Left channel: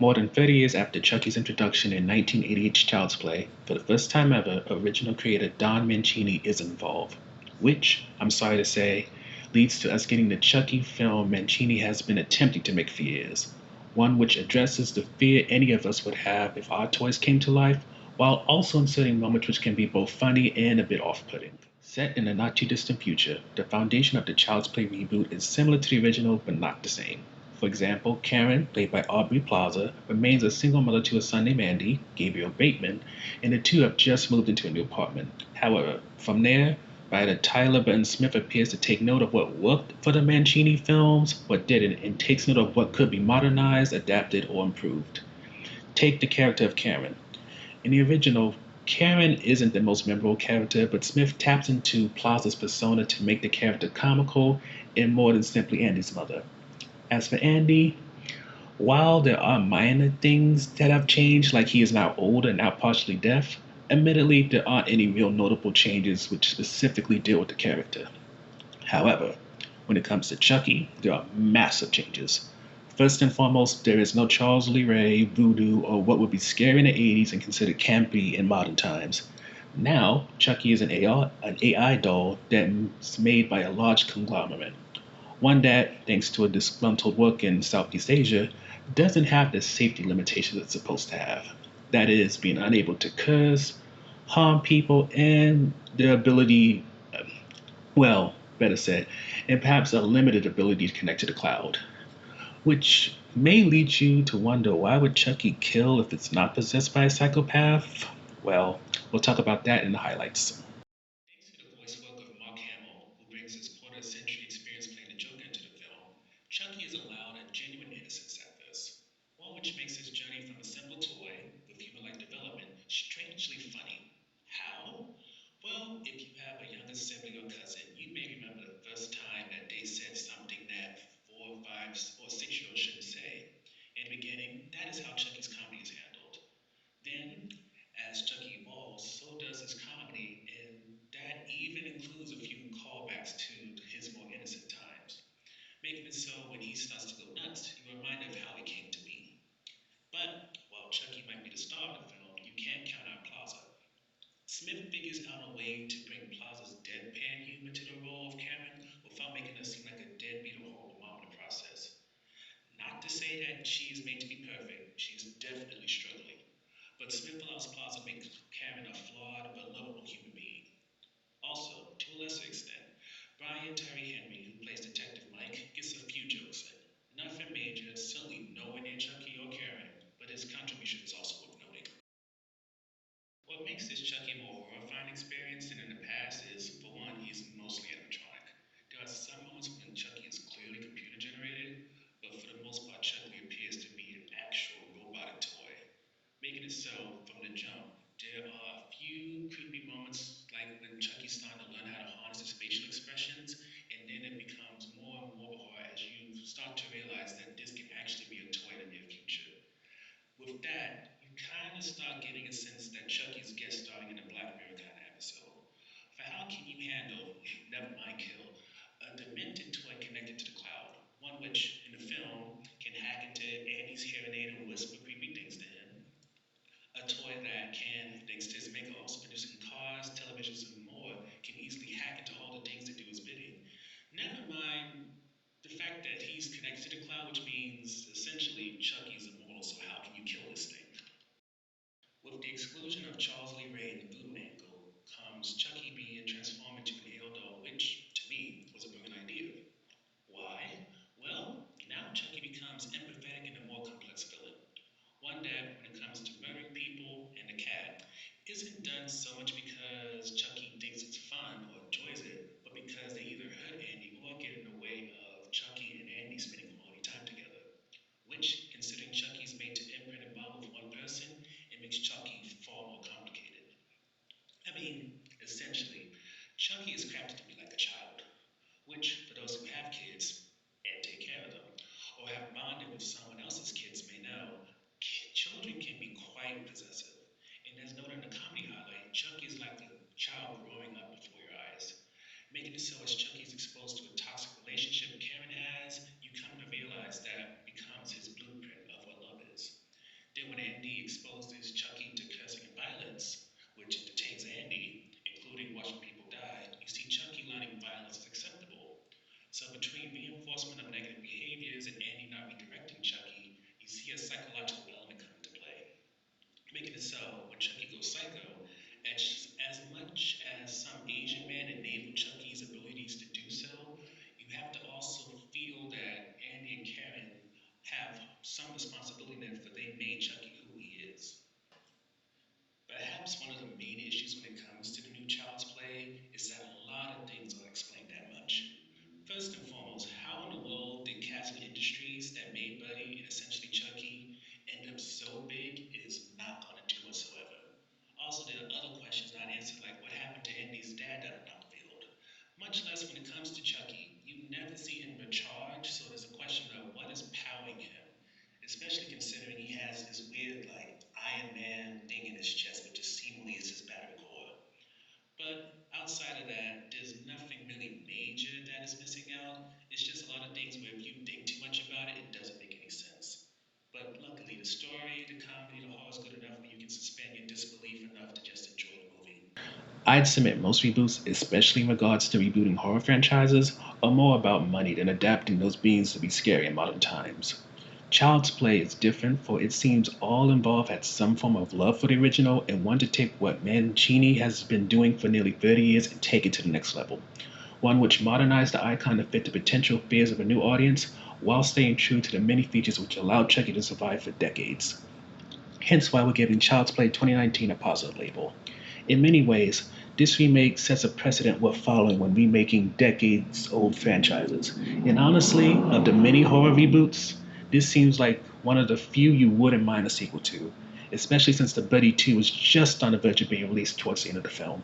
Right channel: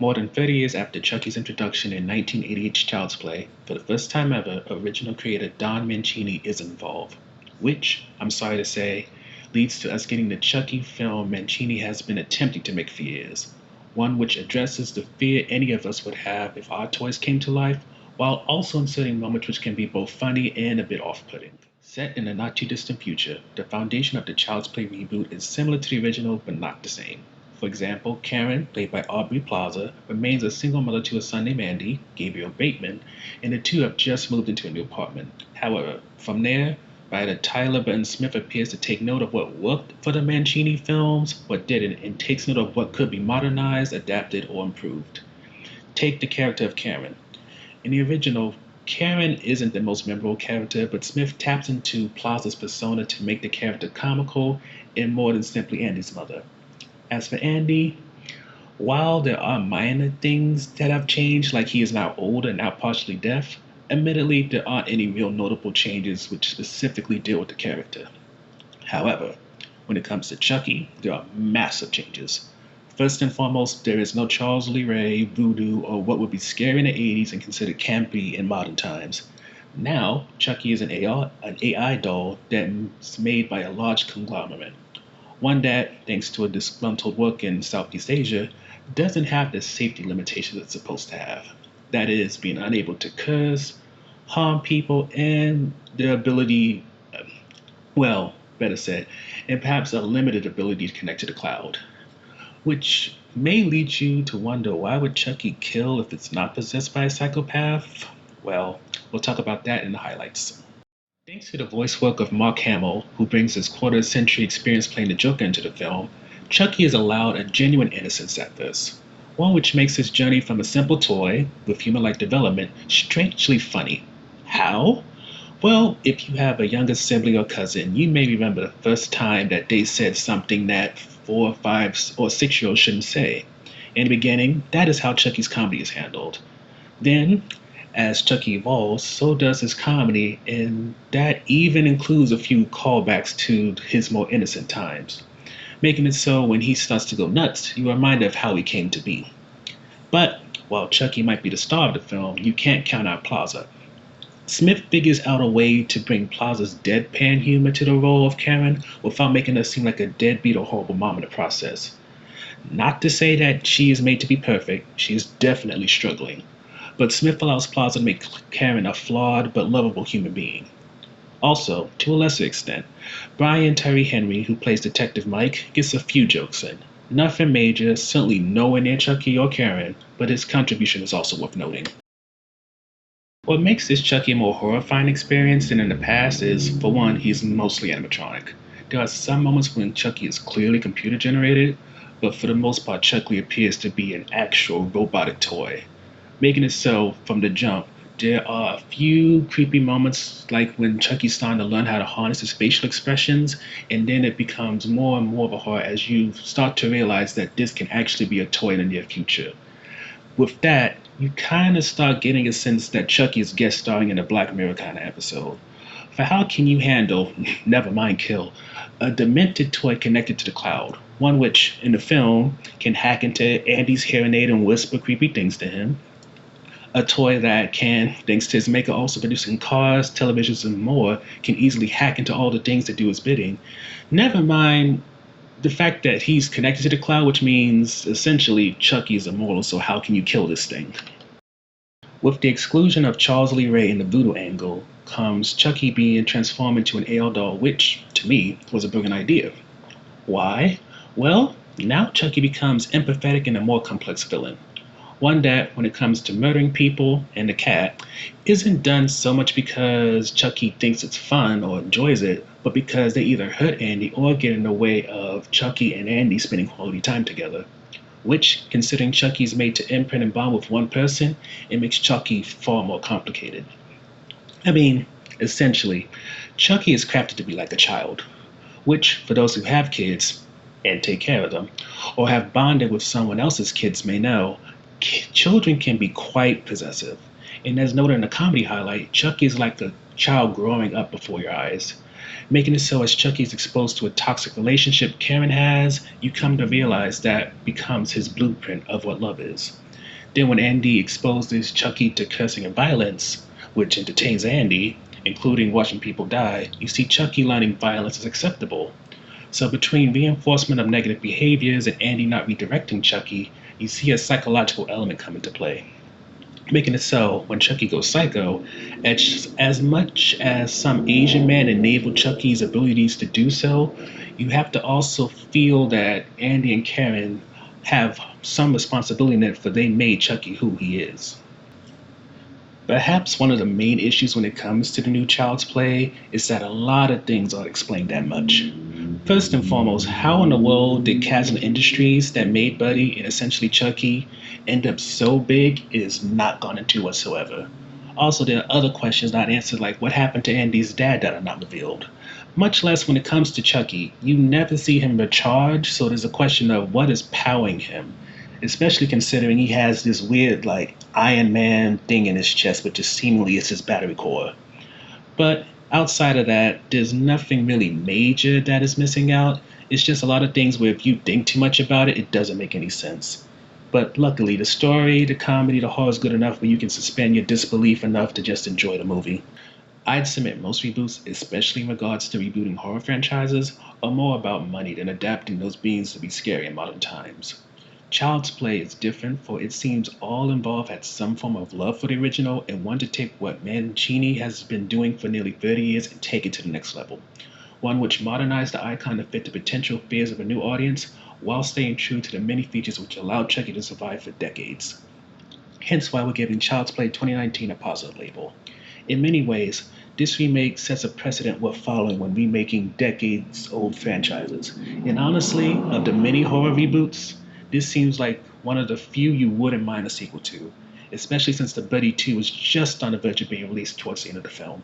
More than 30 years after Chucky's introduction in 1988's Child's Play, for the first time ever, original creator Don Mancini is involved, which, I'm sorry to say, leads to us getting the Chucky film Mancini has been attempting to make for years, one which addresses the fear any of us would have if our toys came to life, while also inserting moments which can be both funny and a bit off-putting. Set in the not too distant future, the foundation of the Child's Play reboot is similar to the original but not the same. For example, Karen, played by Aubrey Plaza, remains a single mother to a son named Andy, Gabriel Bateman, and the two have just moved into a new apartment. However, from there, writer Tyler Burton Smith appears to take note of what worked for the Mancini films, what didn't, and takes note of what could be modernized, adapted, or improved. Take the character of Karen. In the original, Karen isn't the most memorable character, but Smith taps into Plaza's persona to make the character comical and more than simply Andy's mother. As for Andy, while there are minor things that have changed, like he is now old and now partially deaf, admittedly there aren't any real notable changes which specifically deal with the character. However, when it comes to Chucky, there are massive changes. First and foremost, there is no Charles Lee Ray, voodoo, or what would be scary in the 80s and considered campy in modern times. Now, Chucky is an AI doll that's made by a large conglomerate. One that, thanks to a disgruntled work in Southeast Asia, doesn't have the safety limitations it's supposed to have. That is, being unable to curse, harm people, and the ability, well, better said, and perhaps a limited ability to connect to the cloud. Which may lead you to wonder why would Chucky kill if it's not possessed by a psychopath? Well, we'll talk about that in the highlights. Thanks to the voice work of Mark Hamill, who brings his quarter century experience playing the Joker into the film, Chucky is allowed a genuine innocence at this. One which makes his journey from a simple toy, with human like development, strangely funny. How? Well, if you have a younger sibling or cousin, you may remember the first time that they said something that 4, 5, or 6 year olds shouldn't say. In the beginning, that is how Chucky's comedy is handled. Then, as Chucky evolves, so does his comedy, and that even includes a few callbacks to his more innocent times, making it so when he starts to go nuts, you're reminded of how he came to be. But while Chucky might be the star of the film, you can't count out Plaza. Smith figures out a way to bring Plaza's deadpan humor to the role of Karen without making her seem like a deadbeat or horrible mom in the process. Not to say that she is made to be perfect, she is definitely struggling. But Smith allows Plaza to make Karen a flawed but lovable human being. Also, to a lesser extent, Brian Terry Henry, who plays Detective Mike, gets a few jokes in. Nothing major, certainly nowhere near Chucky or Karen, but his contribution is also worth noting. What makes this Chucky a more horrifying experience than in the past is, for one, he's mostly animatronic. There are some moments when Chucky is clearly computer generated, but for the most part, Chucky appears to be an actual robotic toy, making it so from the jump. There are a few creepy moments, like when Chucky's starting to learn how to harness his facial expressions, and then it becomes more and more of a horror as you start to realize that this can actually be a toy in the near future. With that, you kind of start getting a sense that Chucky is guest starring in a Black Mirror kind of episode. For how can you handle, never mind kill, a demented toy connected to the cloud? One which, in the film, can hack into Andy's hearing aid and whisper creepy things to him. A toy that can, thanks to his maker also producing cars, televisions, and more, can easily hack into all the things that do his bidding. Never mind the fact that he's connected to the cloud, which means essentially Chucky is immortal, so how can you kill this thing? With the exclusion of Charles Lee Ray in the voodoo angle, comes Chucky being transformed into an AL doll, which, to me, was a brilliant idea. Why? Well, now Chucky becomes empathetic and a more complex villain. One that, when it comes to murdering people and the cat, isn't done so much because Chucky thinks it's fun or enjoys it, but because they either hurt Andy or get in the way of Chucky and Andy spending quality time together. Which, considering Chucky's made to imprint and bond with one person, it makes Chucky far more complicated. I mean, essentially, Chucky is crafted to be like a child, which, for those who have kids and take care of them, or have bonded with someone else's kids may know, children can be quite possessive. And as noted in the comedy highlight, Chucky is like a child growing up before your eyes. Making it so as Chucky is exposed to a toxic relationship Karen has, you come to realize that becomes his blueprint of what love is. Then when Andy exposes Chucky to cursing and violence, which entertains Andy, including watching people die, you see Chucky learning violence is acceptable. So between reinforcement of negative behaviors and Andy not redirecting Chucky, you see a psychological element come into play. Making it so, when Chucky goes psycho, as much as some Asian man enabled Chucky's abilities to do so, you have to also feel that Andy and Karen have some responsibility in it for they made Chucky who he is. Perhaps one of the main issues when it comes to the new Child's Play is that a lot of things aren't explained that much. First and foremost, how in the world did Chasm Industries that made Buddy and essentially Chucky end up so big is not gone into whatsoever. Also, there are other questions not answered, like what happened to Andy's dad that are not revealed. Much less when it comes to Chucky, you never see him recharge, so there's a question of what is powering him, especially considering he has this weird, like, Iron Man thing in his chest, which is seemingly is his battery core. But outside of that, there's nothing really major that is missing out. It's just a lot of things where if you think too much about it, it doesn't make any sense. But luckily, the story, the comedy, the horror is good enough where you can suspend your disbelief enough to just enjoy the movie. I'd submit most reboots, especially in regards to rebooting horror franchises, are more about money than adapting those beings to be scary in modern times. Child's Play is different, for it seems all involved had some form of love for the original and wanted to take what Mancini has been doing for nearly 30 years and take it to the next level. One which modernized the icon to fit the potential fears of a new audience while staying true to the many features which allowed Chucky to survive for decades. Hence why we're giving Child's Play 2019 a positive label. In many ways, this remake sets a precedent worth following when remaking decades-old franchises. And honestly, of the many horror reboots, this seems like one of the few you wouldn't mind a sequel to, especially since The Buddy 2 was just on the verge of being released towards the end of the film.